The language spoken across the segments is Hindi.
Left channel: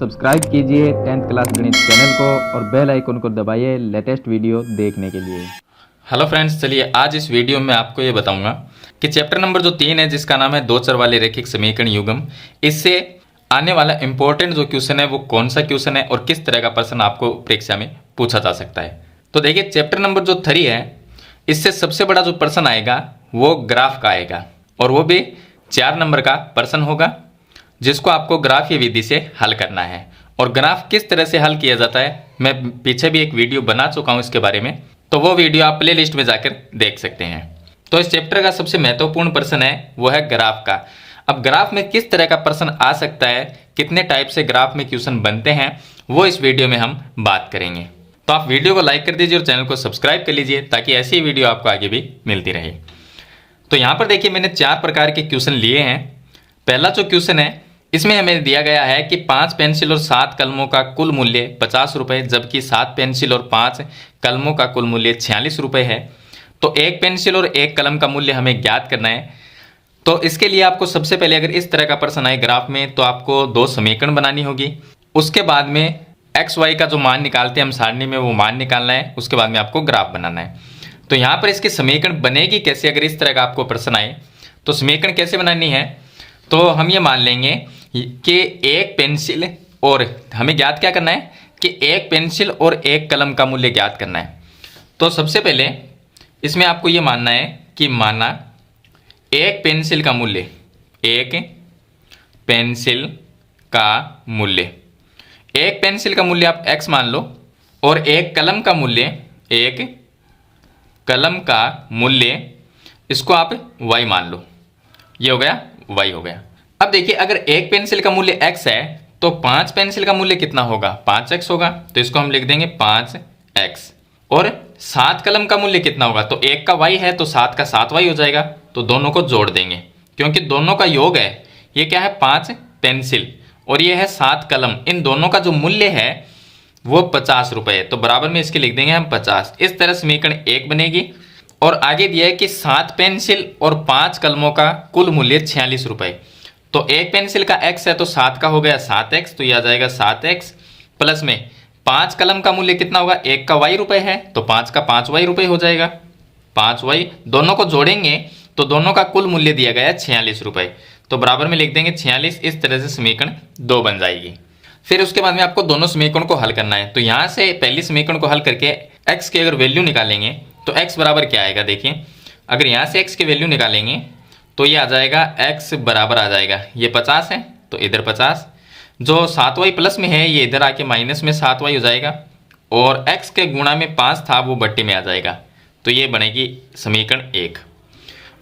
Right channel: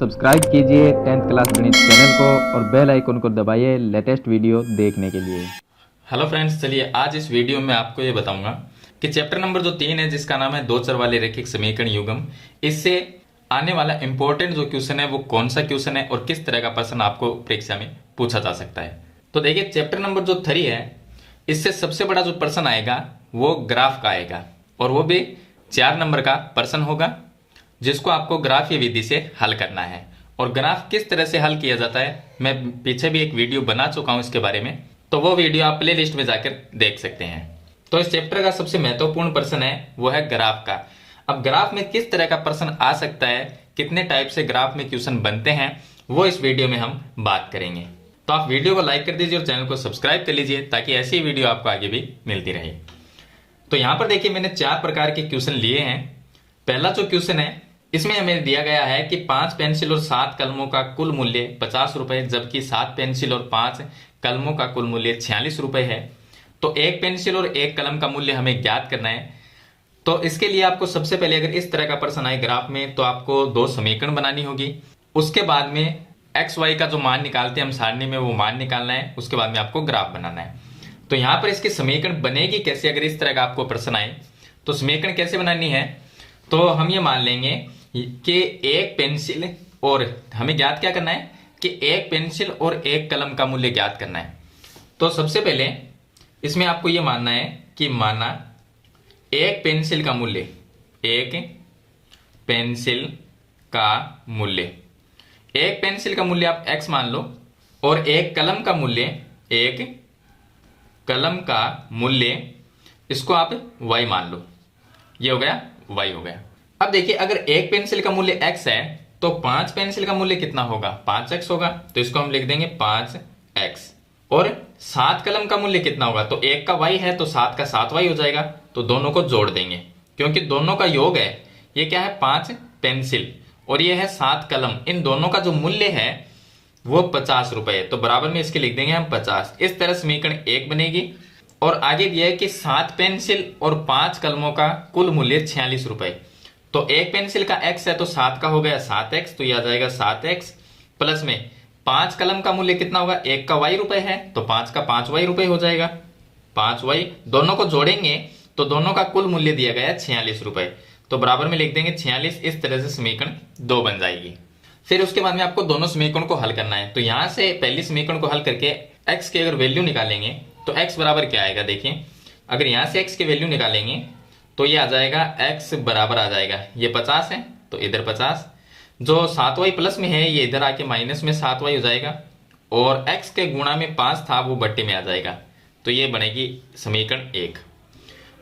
सब्सक्राइब कीजिए 10th क्लास गणित चैनल को और बेल आइकन को दबाइए लेटेस्ट वीडियो देखने के लिए। हेलो फ्रेंड्स, चलिए आज इस वीडियो में आपको ये बताऊंगा कि चैप्टर नंबर जो 3 है जिसका नाम है दो चर वाले रैखिक समीकरण युग्म, इससे आने वाला इंपॉर्टेंट जो क्वेश्चन है वो कौन सा क्वेश्चन है और किस तरह का प्रश्न आपको परीक्षा में पूछा जा सकता है। तो देखिए चैप्टर नंबर जो 3 है इससे सबसे बड़ा जो प्रश्न आएगा वो ग्राफ का आएगा और वो भी 4 नंबर का प्रश्न होगा जिसको आपको ग्राफीय विधि से हल करना है। और ग्राफ किस तरह से हल किया जाता है मैं पीछे भी एक वीडियो बना चुका हूं इसके बारे में, तो वो वीडियो आप प्ले लिस्ट में जाकर देख सकते हैं। तो इस चैप्टर का सबसे महत्वपूर्ण प्रश्न है वो है ग्राफ का। अब ग्राफ में किस तरह का प्रश्न आ सकता है, कितने टाइप से ग्राफ में क्वेश्चन बनते हैं, वो इस वीडियो में हम बात करेंगे। तो आप वीडियो को लाइक कर दीजिए और चैनल को सब्सक्राइब कर लीजिए ताकि ऐसी वीडियो आपको आगे भी मिलती रहे। तो यहाँ पर देखिए मैंने 4 प्रकार के क्वेश्चन लिए हैं। पहला जो क्वेश्चन है इसमें हमें दिया गया है कि 5 पेंसिल और 7 कलमों का कुल मूल्य 50 रुपए, जबकि 7 पेंसिल और 5 कलमों का कुल मूल्य 46 रुपए है। तो एक पेंसिल और एक कलम का मूल्य हमें ज्ञात करना है। तो इसके लिए आपको सबसे पहले अगर इस तरह का प्रश्न आए ग्राफ में तो आपको 2 समीकरण बनानी होगी। उसके बाद में एक्स वाई का जो मान निकालते हैं हम सारणी में वो मान निकालना है। उसके बाद में आपको ग्राफ बनाना है। तो यहाँ पर इसके समीकरण बनेगी कैसे अगर इस तरह का आपको प्रश्न आए तो समीकरण कैसे बनानी है, तो हम ये मान लेंगे कि एक पेंसिल और हमें ज्ञात क्या करना है कि एक पेंसिल और एक कलम का मूल्य ज्ञात करना है। तो सबसे पहले इसमें आपको ये मानना है कि माना एक पेंसिल का मूल्य, एक पेंसिल का मूल्य, एक पेंसिल का मूल्य आप x मान लो और एक कलम का मूल्य, एक कलम का मूल्य इसको आप y मान लो। ये हो गया y हो गया। अब देखिए अगर एक पेंसिल का मूल्य x है तो 5 पेंसिल का मूल्य कितना होगा, 5x होगा। तो इसको हम लिख देंगे 5x। और 7 कलम का मूल्य कितना होगा, तो एक का y है तो 7 का 7y हो जाएगा। तो दोनों को जोड़ देंगे क्योंकि दोनों का योग है। ये क्या है 5 पेंसिल और ये है 7 कलम, इन दोनों का जो मूल्य है वो 50 रुपए है। तो बराबर में इसके लिख देंगे हम 50। इस तरह समीकरण 1 बनेगी। और आगे दिया है कि 7 पेंसिल और 5 कलमों का कुल मूल्य 46 रुपए। तो एक पेंसिल का x है तो 7 का हो गया 7x, तो ये आ जाएगा 7x प्लस में 5 कलम का मूल्य कितना होगा, एक का y रुपए है तो 5 का 5y रुपए हो जाएगा, 5y। दोनों को जोड़ेंगे तो दोनों का कुल मूल्य दिया गया है 46 रुपए। तो बराबर में लिख देंगे 46। इस तरह से समीकरण 2 बन जाएगी। फिर उसके बाद में आपको दोनों समीकरण को हल करना है। तो यहां से पहली समीकरण को हल करके x की अगर वैल्यू निकालेंगे तो x बराबर क्या आएगा, देखिए अगर यहां से x की वैल्यू निकालेंगे तो ये आ जाएगा x बराबर आ जाएगा, ये 50 है तो इधर 50, जो 7y प्लस में है ये इधर आके माइनस में 7y हो जाएगा और x के गुणा में 5 था वो बट्टे में आ जाएगा। तो ये बनेगी समीकरण 1।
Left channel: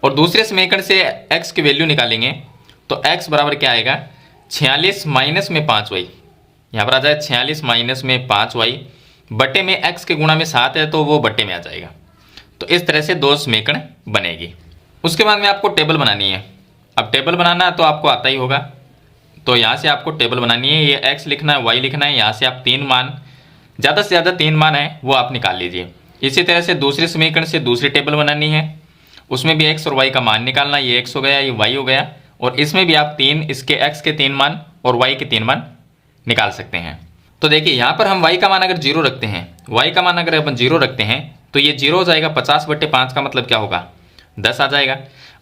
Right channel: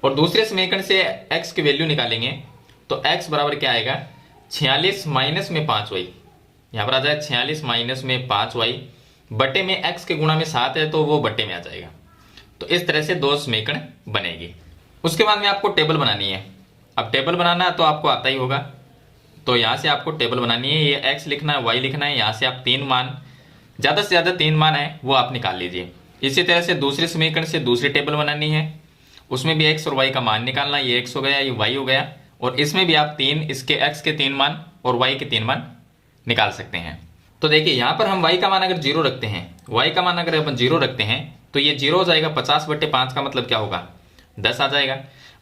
और दूसरे समीकरण से x की वैल्यू निकालेंगे तो x बराबर क्या आएगा, 46 माइनस में 5y, यहाँ पर आ जाएगा 46 माइनस में 5y बट्टे में x के गुणा में 7 है तो वो बट्टे में आ जाएगा। तो इस तरह से 2 समीकरण बनेगी। उसके बाद में आपको टेबल बनानी है। अब टेबल बनाना तो आपको आता ही होगा, तो यहाँ से आपको टेबल बनानी है। ये x लिखना है, y लिखना है, यहाँ से आप 3 मान, ज़्यादा से ज़्यादा 3 मान है वो आप निकाल लीजिए। इसी तरह से दूसरे समीकरण से दूसरी टेबल बनानी है, उसमें भी x और y का मान निकालना। ये x हो गया, ये y हो गया। और इसमें भी आप 3 इसके x के 3 मान और y के 3 मान निकाल सकते हैं। तो देखिए यहाँ पर हम y का मान अगर 0 रखते हैं, y का मान अगर अपन 0 रखते हैं तो ये 0 हो जाएगा। 50 बट्टे 5 का मतलब क्या होगा, 10 आ जाएगा।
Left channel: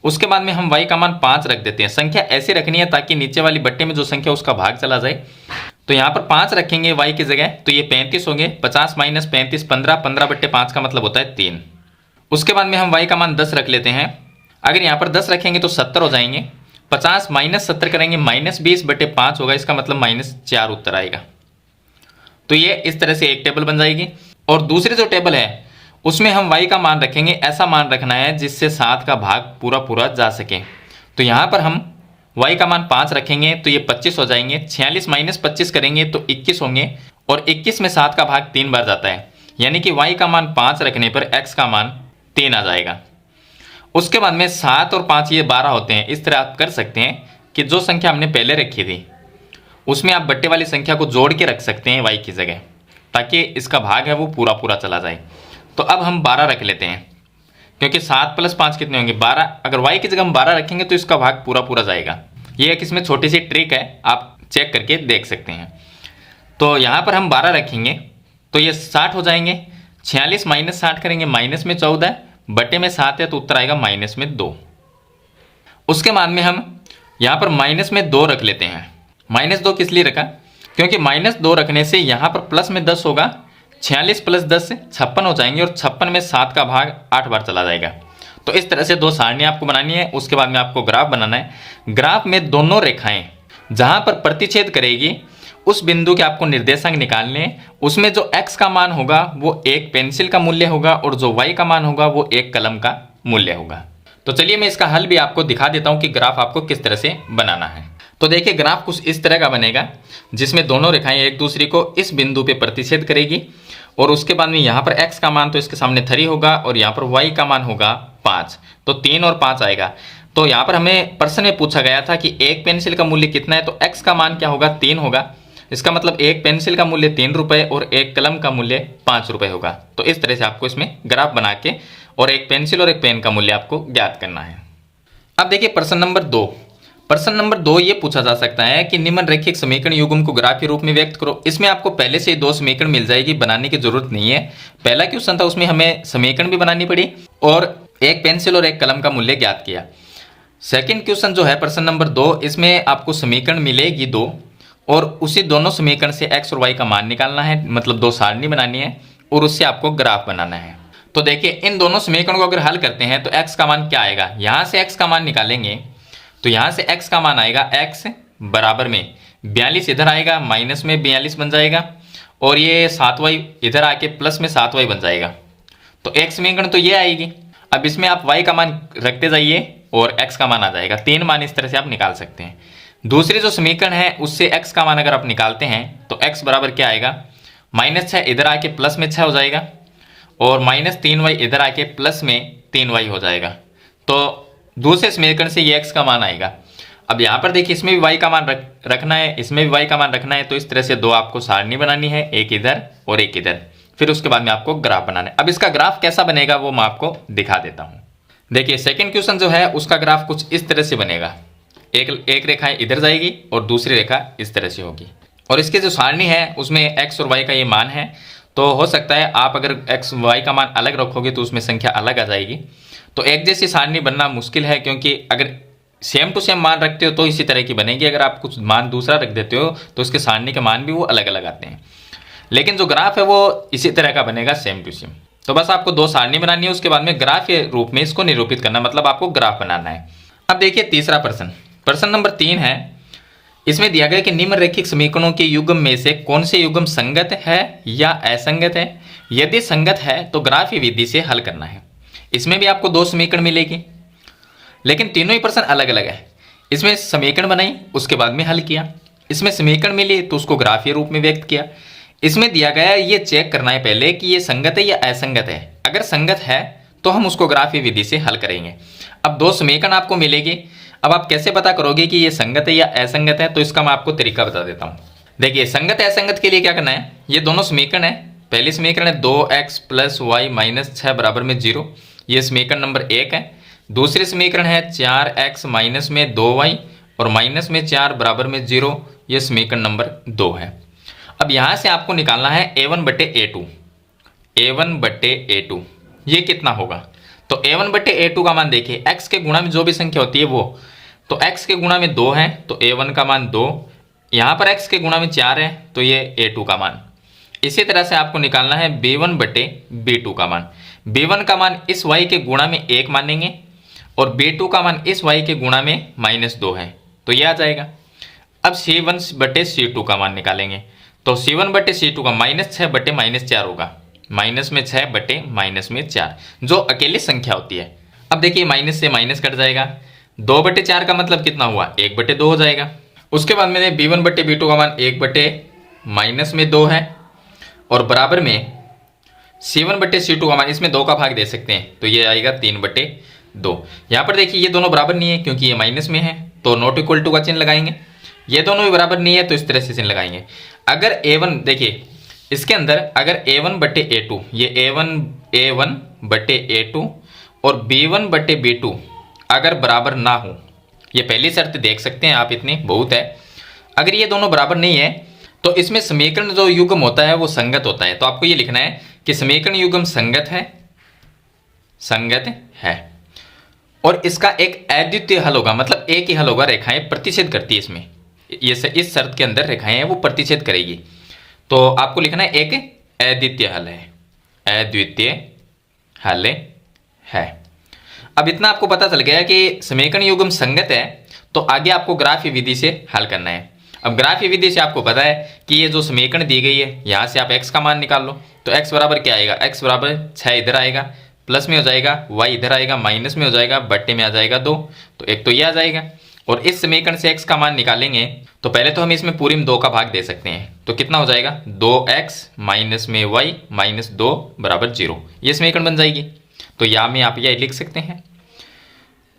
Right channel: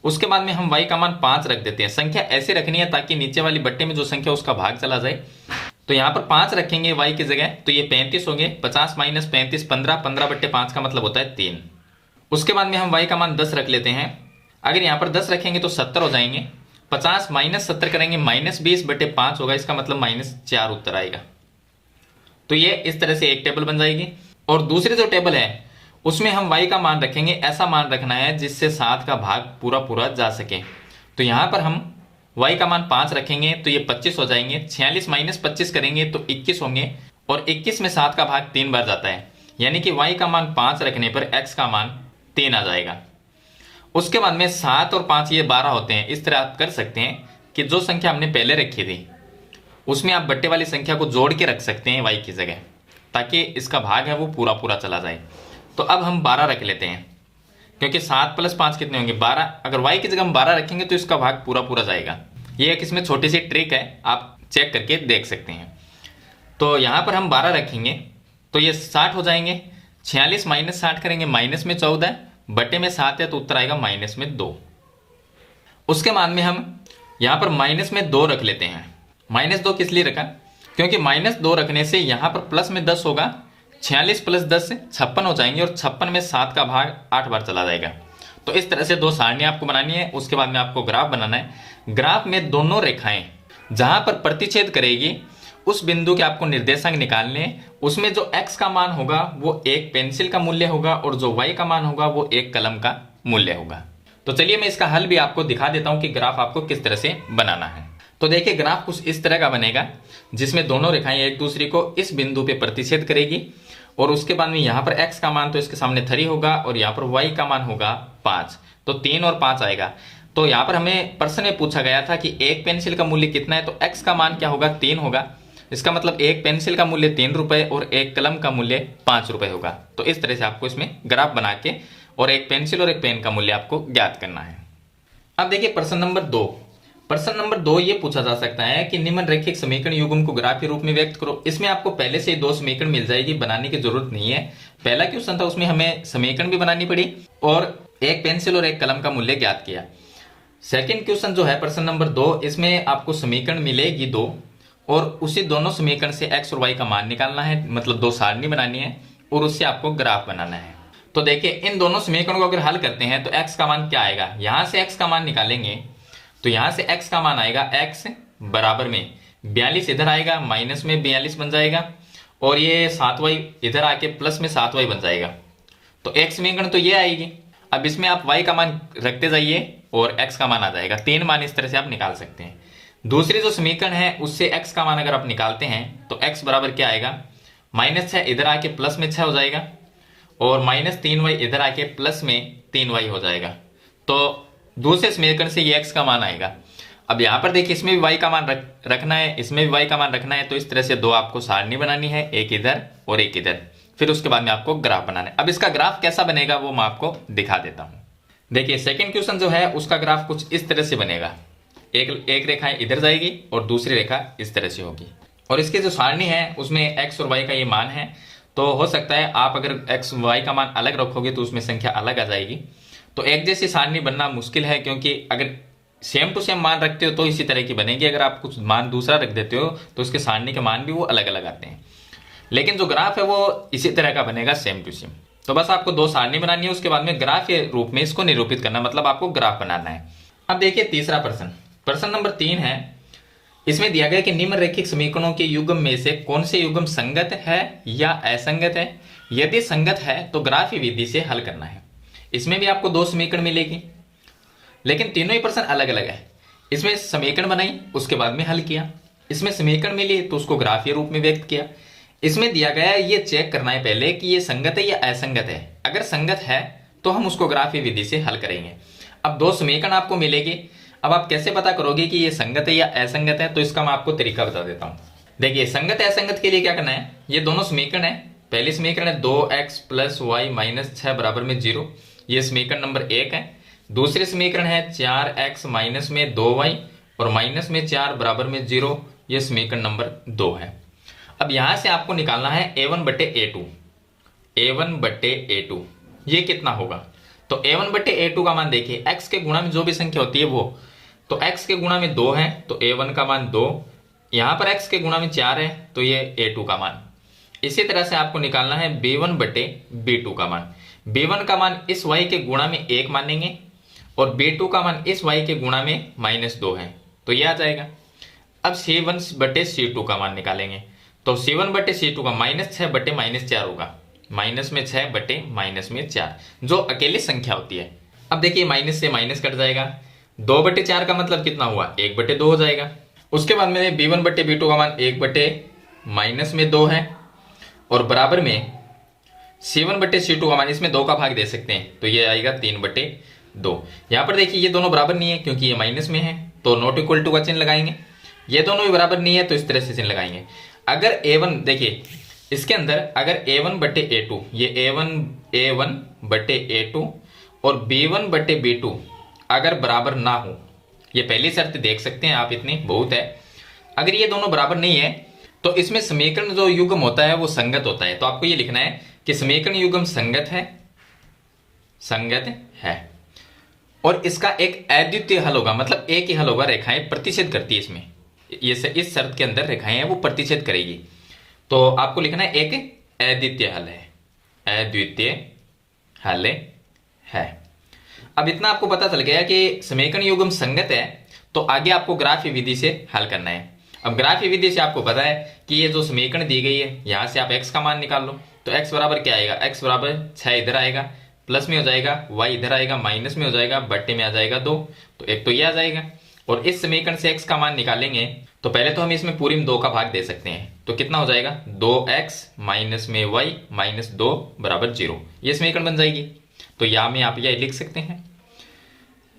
उसके बाद में हम y का मान 5 रख देते हैं। संख्या ऐसे रखनी है ताकि नीचे वाली बट्टे में जो संख्या उसका भाग चला जाए। तो यहाँ पर 5 रखेंगे y की जगह तो ये 35 होंगे। 50 माइनस 35 15, 15 बट्टे 5 का मतलब होता है 3। उसके बाद में हम y का मान 10 रख लेते हैं। अगर यहाँ पर 10 रखेंगे तो 70 हो जाएंगे। 50 माइनस 70 करेंगे माइनस 20 बट्टे 5 होगा, इसका मतलब -4 उत्तर आएगा। तो ये इस तरह से एक टेबल बन जाएगी। और दूसरी जो टेबल है उसमें हम y का मान रखेंगे, ऐसा मान रखना है जिससे 7 का भाग पूरा पूरा जा सके। तो यहाँ पर हम y का मान 5 रखेंगे तो ये 25 हो जाएंगे। 46 माइनस 25 करेंगे तो 21 होंगे और 21 में 7 का भाग 3 बार जाता है, यानी कि y का मान 5 रखने पर x का मान 3 आ जाएगा। उसके बाद में 7 और 5 ये 12 होते हैं। इस तरह आप कर सकते हैं कि जो संख्या हमने पहले रखी थी उसमें आप बट्टे वाली संख्या को जोड़ के रख सकते हैं y की जगह, ताकि इसका भाग है वो पूरा पूरा चला जाए। तो अब हम 12 रख लेते हैं क्योंकि 7 प्लस 5 कितने होंगे, 12। अगर y की जगह हम 12 रखेंगे तो इसका भाग पूरा पूरा जाएगा। ये एक इसमें छोटी सी ट्रिक है, आप चेक करके देख सकते हैं। तो यहाँ पर हम 12 रखेंगे तो ये 60 हो जाएंगे। 46 माइनस 60 करेंगे, माइनस में 14 बटे में 7 है तो उत्तर आएगा माइनस में 2। उसके बाद में हम यहाँ पर माइनस में 2 रख लेते हैं। माइनस 2 किस लिए रखा, क्योंकि माइनस 2 रखने से यहाँ पर प्लस में 10 होगा। 46 प्लस 10 56 हो जाएंगे और 56 में 7 का भाग 8 बार चला जाएगा। तो इस तरह से 2 सारणी आपको बनानी है। उसके बाद में आपको ग्राफ बनाना है। ग्राफ में दोनों रेखाएं जहां पर प्रतिच्छेद करेगी उस बिंदु के आपको निर्देशांक निकालने हैं। उसमें जो x का मान होगा वो एक पेंसिल का मूल्य होगा और जो y का मान होगा वो एक कलम का मूल्य होगा। तो चलिए मैं इसका हल भी आपको दिखा देता हूं कि ग्राफ आपको किस तरह से बनाना है। तो देखिए ग्राफ कुछ इस तरह का बनेगा जिसमें दोनों रेखाएं एक दूसरे को इस बिंदु पे प्रतिच्छेद करेगी और उसके बाद में यहाँ पर x का मान तो इसके सामने 3 होगा और यहाँ पर y का मान होगा 5, तो 3 और 5 आएगा। तो यहाँ पर हमें प्रश्न में पूछा गया था कि एक पेंसिल का मूल्य कितना है, तो x का मान क्या होगा 3 होगा। इसका मतलब एक पेंसिल का मूल्य 3 रुपए और एक कलम का मूल्य 5 रुपए होगा। तो इस तरह से आपको इसमें ग्राफ बना के और एक पेंसिल और एक पेन का मूल्य आपको ज्ञात करना है। अब देखिए प्रश्न नंबर 2। प्रश्न नंबर 2 ये पूछा जा सकता है कि निम्नरेखिक समीकरण युग्म को ग्राफ के रूप में व्यक्त करो। इसमें आपको पहले से 2 समीकरण मिल जाएगी, बनाने की जरूरत नहीं है। पहला क्वेश्चन था उसमें हमें समीकरण भी बनानी पड़ी और एक पेंसिल और एक कलम का मूल्य ज्ञात किया। सेकंड क्वेश्चन जो है प्रश्न नंबर 2, इसमें आपको समीकरण मिलेगी 2 और उसी दोनों समीकरण से x और y का मान निकालना है, मतलब 2 सारणी बनानी है और उससे आपको ग्राफ बनाना है। तो देखिए इन दोनों समीकरणों को अगर हल करते हैं तो x का मान क्या आएगा, यहां से x का मान निकालेंगे तो यहां से x का मान आएगा x बराबर में 42 इधर आएगा, माइनस में 42 बन जाएगा और ये 7y इधर आके प्लस में 7y बन जाएगा। तो एक समीकरण तो ये आएगी। अब इसमें आप y का मान रखते जाइए और x का मान आ जाएगा। 3 मान इस तरह से आप निकाल सकते हैं। दूसरी जो समीकरण है उससे x का मान अगर आप निकालते हैं तो x बराबर क्या आएगा, -6 इधर आके प्लस में 6 हो जाएगा और -3y इधर आके प्लस में 3y हो जाएगा। तो दूसरे समीकरण से ये x का मान आएगा। अब यहाँ पर देखिए इसमें भी y का मान रखना है, इसमें भी y का मान रखना है। तो इस तरह से 2 आपको सारणी बनानी है, एक इधर और एक इधर। फिर उसके बाद में आपको ग्राफ बनाना है। अब इसका ग्राफ कैसा बनेगा वो मैं आपको दिखा देता हूँ। देखिए सेकेंड क्वेश्चन जो है उसका ग्राफ कुछ इस तरह से बनेगा। एक रेखा इधर जाएगी और दूसरी रेखा इस तरह से होगी और इसके जो सारणी है उसमें x और y का ये मान है। तो हो सकता है आप अगर x y का मान अलग रखोगे तो उसमें संख्या अलग आ जाएगी। तो एक जैसी सारणी बनना मुश्किल है, क्योंकि अगर सेम टू सेम मान रखते हो तो इसी तरह की बनेगी। अगर आप कुछ मान दूसरा रख देते हो तो उसके सारणी के मान भी वो अलग अलग आते हैं। लेकिन जो ग्राफ है वो इसी तरह का बनेगा, सेम टू सेम। तो बस आपको 2 सारणी बनानी है, उसके बाद में ग्राफ के रूप में इसको निरूपित करना, मतलब आपको ग्राफ बनाना है। अब देखिए तीसरा प्रश्न, प्रश्न नंबर 3 है। इसमें दिया गया कि निम्नरेखिक समीकरणों के युग्म में से कौन से युग्म संगत है या असंगत है। यदि संगत है तो ग्राफीय विधि से हल करना है। इसमें भी आपको 2 समीकरण मिलेगी, लेकिन तीनों ही प्रश्न अलग अलग है। इसमें समीकरण बनाई, उसके बाद में हल किया। इसमें समीकरण मिली तो उसको ग्राफीय रूप में व्यक्त किया। इसमें दिया गया है ये चेक करना है पहले कि ये संगत है या असंगत है। अगर संगत है तो हम उसको ग्राफीय विधि से हल करेंगे। अब 2 समीकरण आपको मिलेगी। अब आप कैसे पता करोगे कि ये संगत है या असंगत है, तो इसका मैं आपको तरीका बता देता हूं। देखिए संगत असंगत के लिए क्या करना है, ये दोनों समीकरण है। पहली समीकरण है 2x + y - 6 = 0, ये समीकरण नंबर 1 है। दूसरी समीकरण है 4x - 2y और -4 = 0, ये समीकरण नंबर 2 है। अब यहां से आपको निकालना है a1/a2। a1/a2 ये कितना होगा, तो a1/a2 का मान देखिए, x के गुणा में जो भी संख्या होती है वो, तो x के गुणा में 2 है तो a1 का मान 2, यहां पर x के गुणा में 4 है तो ये a2 का मान। इसी तरह से आपको निकालना है b1/b2 का मान। b1 का मान इस y के गुणा में 1 मानेंगे और b2 का मान इस y के गुणा में -2 है, तो ये आ जाएगा। अब c1/c2 का मान निकालेंगे, तो c1/c2 का -6/-4 होगा, -6/-4 जो अकेली संख्या होती है। अब देखिए माइनस से माइनस कट जाएगा, 2/4 का मतलब कितना हुआ, 1/2 हो जाएगा। उसके बाद में b1/b2 का मान 1/-2 है और बराबर में c1/c2 का मान, इसमें 2 का भाग दे सकते हैं तो ये आएगा 3/2। यहाँ पर देखिए ये दोनों बराबर नहीं है क्योंकि ये माइनस में है, तो नॉट इक्वल टू का चिन्ह लगाएंगे। ये दोनों भी बराबर नहीं है तो इस तरह से चिन्ह लगाएंगे। अगर a1 देखिए इसके अंदर अगर a1/a2, ये a1/a2 और b1/b2 अगर बराबर ना हो, ये पहली शर्त देख सकते हैं आप, इतनी बहुत है। अगर ये दोनों बराबर नहीं है तो इसमें समीकरण जो युग्म होता है वो संगत होता है। तो आपको ये लिखना है कि समीकरण युग्म संगत है और इसका एक अद्वितीय हल होगा, मतलब एक ही हल होगा। रेखाएं प्रतिच्छेद करती है इसमें, ये से इस शर्त के अंदर रेखाएं हैं वो प्रतिच्छेद करेगी। तो आपको लिखना है एक अद्वितीय हल है, अद्वितीय हल है। अब इतना आपको पता चल गया कि समीकरण युग्म संगत है, तो आगे आपको ग्राफीय विधि से हल करना है। अब ग्राफीय विधि से आपको पता है कि ये जो समीकरण दी गई है, यहां से आप x का मान निकाल लो। तो x बराबर क्या आएगा, x बराबर 6 इधर आएगा, प्लस में हो जाएगा, y इधर आएगा, माइनस में हो जाएगा, बट्टे में आ जाएगा 2। तो एक तो ये आ जाएगा। और इस समीकरण से x का मान निकालेंगे तो पहले तो हम इसमें पूरी में 2 का भाग दे सकते हैं। तो कितना हो जाएगा, 2x माइनस में y माइनस 2 बराबर 0। ये समीकरण बन जाएगी। तो यहाँ में आप यह लिख सकते हैं।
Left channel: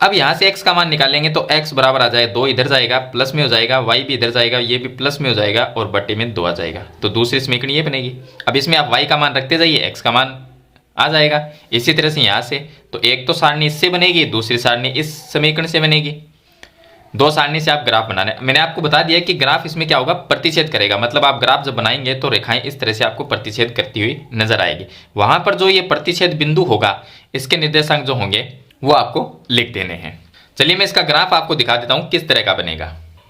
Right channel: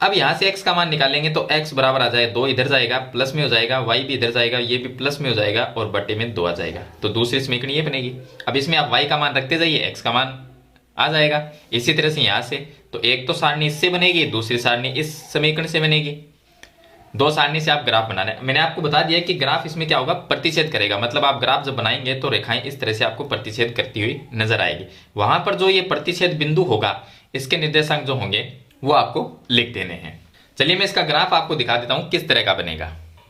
अब यहां से x का मान निकालेंगे तो x बराबर आ जाए 2 इधर जाएगा, प्लस में हो जाएगा, y भी इधर जाएगा, ये भी प्लस में हो जाएगा और बट्टे में 2 आ जाएगा। तो दूसरी समीकरण ये बनेगी। अब इसमें आप y का मान रखते जाइए, x का मान आ जाएगा। इसी तरह से यहां से तो एक तो सारणी इससे बनेगी, दूसरी सारणी इस समीकरण से बनेगी। 2 सारणी से आप ग्राफ बनाने, मैंने आपको बता दिया कि ग्राफ इसमें क्या होगा, प्रतिच्छेद करेगा। मतलब आप ग्राफ जब बनाएंगे तो रेखाएं इस तरह से आपको प्रतिच्छेद करती हुई नजर आएगी। वहां पर जो ये प्रतिच्छेद बिंदु होगा, इसके निर्देशांक जो होंगे वो आपको लिख देने हैं। चलिए मैं इसका ग्राफ आपको दिखा देता हूं किस तरह का बनेगा।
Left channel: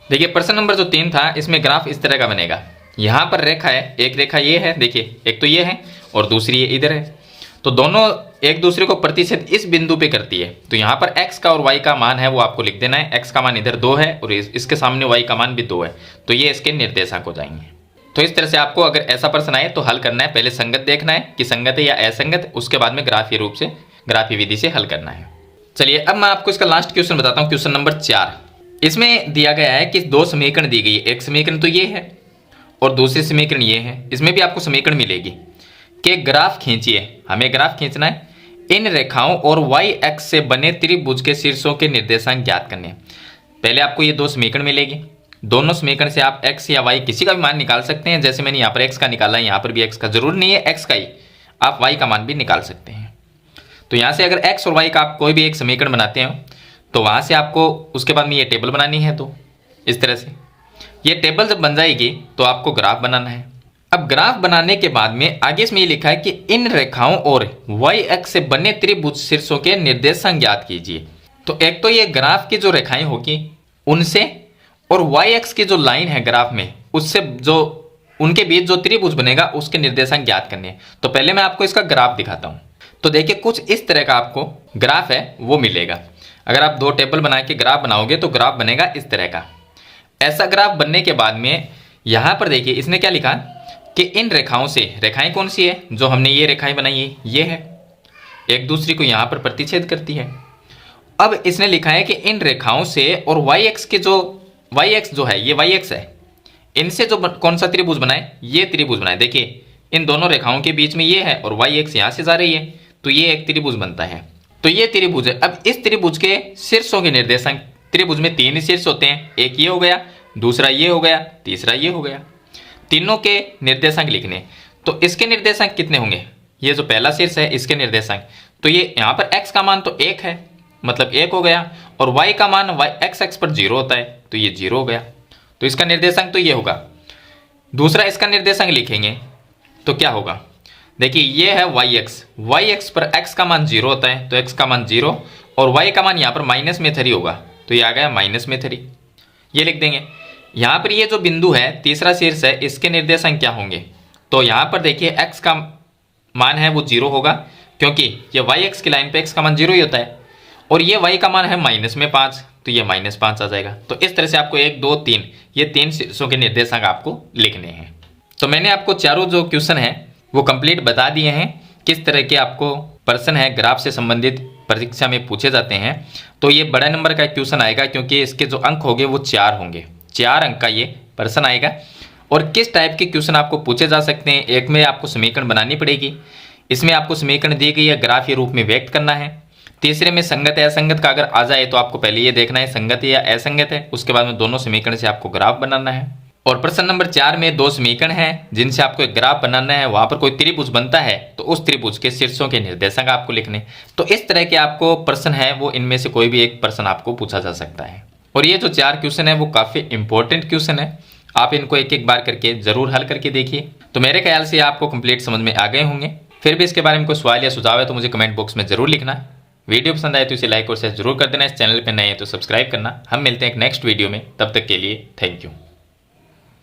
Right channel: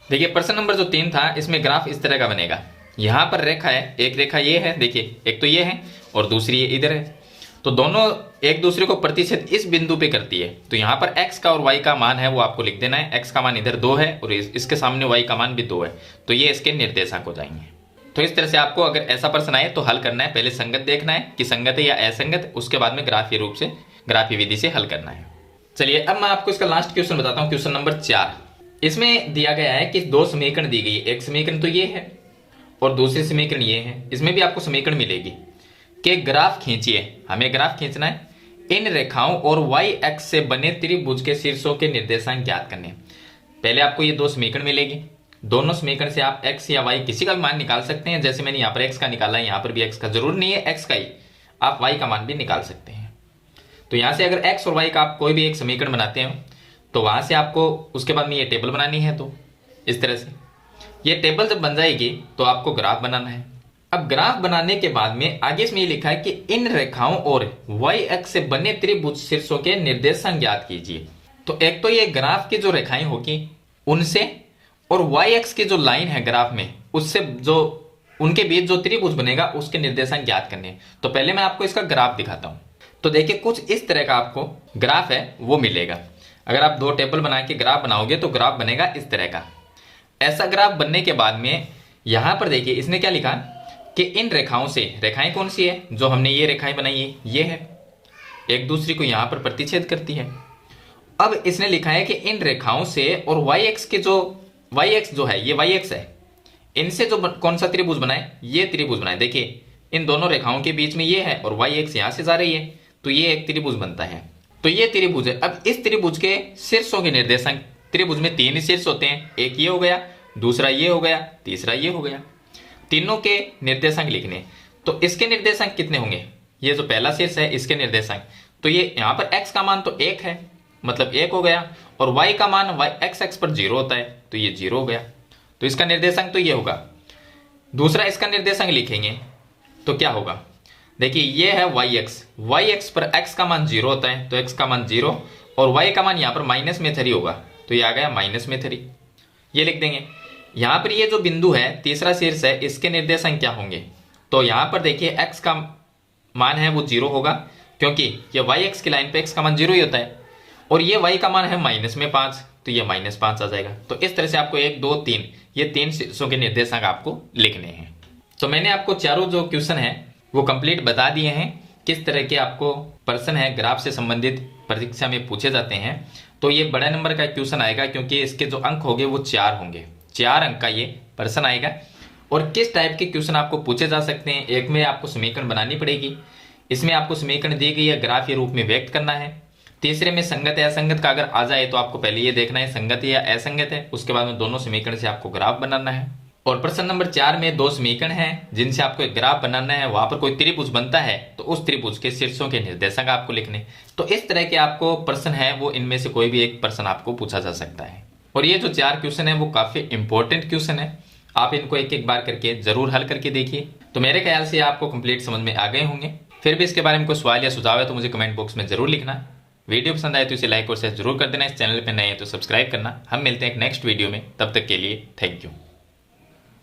देखिए प्रश्न नंबर जो 3 था, इसमें ग्राफ इस तरह का बनेगा। यहां पर रेखा है, एक रेखा ये है, देखिए एक तो ये है और दूसरी ये इधर है। तो दोनों एक दूसरे को प्रतिच्छेद इस बिंदु पे करती है। तो यहां पर x का और y का मान है वो आपको लिख देना है। x का मान इधर 2 है और इसके सामने y का मान भी 2 है। तो ये इसके निर्देशांक हो जाएंगे। तो इस तरह से आपको अगर ऐसा प्रश्न आए तो हल करना है। पहले संगत देखना है कि संगत है या असंगत, उसके बाद में ग्राफीय रूप से, ग्राफीय विधि से हल करना है। चलिए अब मैं आपको इसका लास्ट क्वेश्चन बताता हूं, क्वेश्चन नंबर 4। इसमें दिया गया है कि 2 समीकरण दी गई है। एक समीकरण तो ये है और दूसरी समीकरण ये है। इसमें भी आपको समीकरण मिलेगी कि ग्राफ खींचिए, हमें ग्राफ खींचना है। इन रेखाओं और y एक्स से बने त्रिभुज के शीर्षों के निर्देशांक ज्ञात करने हैं। पहले आपको ये 2 समीकरण मिलेगी। दोनों समीकरण से आप x या y किसी का भी मान निकाल सकते हैं। जैसे मैंने यहाँ पर x का निकाला है, यहाँ पर भी x का, जरूर नहीं है x का ही, आप y का मान भी निकाल सकते हैं। तो यहाँ से अगर x और y का आप कोई भी एक समीकरण बनाते हैं तो वहाँ से आपको उसके बाद में ये टेबल बनानी है। तो इस तरह से ये टेबल जब बन जाएगी तो आपको ग्राफ बनाना है। अब ग्राफ बनाने के बाद में आगे इसमें ये लिखा है कि इन रेखाओं और y एक्स से बने त्रिभुज शीर्षों के निर्देशांक ज्ञात कीजिए। तो एक तो ये ग्राफ की जो रेखाएं होगी उनसे और y एक्स की जो लाइन है ग्राफ में उससे, जो उनके बीच जो त्रिभुज बनेगा उसके निर्देशांक ज्ञात करने हैं। तो पहले मैं आपको इसका ग्राफ दिखाता हूं। तो देखिए कुछ इस तरह का आपको ग्राफ है वो मिलेगा। अगर आप 2 टेबल बना के ग्राफ बनाओगे तो ग्राफ बनेगा इस तरह का। ऐसा ग्राफ बनने के बाद में यहां पर देखिए इसने क्या लिखा कि इन रेखाओं से, रेखाएं कौन सी है, जो हमने ये रेखाएं बनाई है ये है, एक दूसरी को यहां पर प्रतिच्छेद करती है। अब इसने लिखा है कि इन रेखाओं से और y एक्स के जो, y एक्स जो है ये y एक्स है, इनसे जो कौन सा त्रिभुज बनाए, ये त्रिभुज बनाए। देखिए इन दोनों रेखाओं के बीच में ये है और y एक्स यहां से जा रही है, तो ये एक त्रिभुज बनता है। तो ये त्रिभुज है। अब इस त्रिभुज के शीर्षों के निर्देशांक, त्रिभुज में 3 शीर्ष होते हैं, एक ये हो गया, दूसरा ये हो गया, तीसरा ये हो गया। तीनों के निर्देशांक लिखने, तो इसके निर्देशांक कितने होंगे, ये जो पहला शीर्ष है इसके निर्देशांक, तो ये यहाँ पर x का मान तो 1 है, मतलब 1 हो गया, और y का मान x एक्स पर 0 होता है, तो ये 0 हो गया। तो इसका निर्देशांक तो ये होगा। दूसरा इसका निर्देशांक लिखेंगे तो क्या होगा, देखिए ये है y एक्स पर x का मान 0 होता है, तो x का मान 0 और y का मान यहाँ पर माइनस में 3 होगा, तो ये आ गया माइनस में 3, ये लिख देंगे। यहाँ पर ये जो बिंदु है तीसरा शीर्ष है, इसके निर्देशांक क्या होंगे, तो यहाँ पर देखिए x का मान है वो 0 होगा, क्योंकि ये y एक्स की लाइन पे x का मान 0 ही होता है, और ये y का मान है माइनस में 5, तो ये -5 आ जाएगा। तो इस तरह से आपको 1 2 3 ये 3 शीर्षों के निर्देशांक आपको लिखने हैं। तो मैंने आपको चारों जो क्वेश्चन है वो कंप्लीट बता दिए हैं, किस तरह के आपको प्रश्न है ग्राफ से संबंधित परीक्षा में पूछे जाते हैं। तो ये बड़ा नंबर का क्वेश्चन आएगा, क्योंकि इसके जो अंक होंगे वो 4 होंगे, 4 अंक का ये प्रश्न आएगा। और किस टाइप के क्वेश्चन आपको पूछे जा सकते हैं, एक में आपको समीकरण बनानी पड़ेगी, इसमें आपको समीकरण दी गई है ग्राफीय रूप में व्यक्त करना है। तीसरे में संगत है असंगत का अगर आ जाए तो आपको पहले ये देखना है संगत है या असंगत है, उसके बाद में दोनों समीकरण से आपको ग्राफ बनाना है। और प्रश्न नंबर 4 में 2 समीकरण हैं जिनसे आपको एक ग्राफ बनाना है, वहां पर कोई त्रिभुज बनता है तो उस त्रिभुज के शीर्षों के निर्देशांक आपको लिखने। तो इस तरह के आपको प्रश्न है वो इनमें से कोई भी एक प्रश्न आपको पूछा जा सकता है। और ये जो 4 क्वेश्चन है वो काफी इंपॉर्टेंट क्वेश्चन है, आप इनको एक एक बार करके जरूर हल करके देखिए। तो मेरे ख्याल से आपको कंप्लीट समझ में आ गए होंगे। फिर भी इसके बारे में कोई सवाल या सुझाव है तो मुझे कमेंट बॉक्स में जरूर लिखना। वीडियो पसंद आए तो इसे लाइक और शेयर जरूर कर देना। इस चैनल पर नए हैं तो सब्सक्राइब करना। हम मिलते हैं एक नेक्स्ट वीडियो में, तब तक के लिए थैंक यू।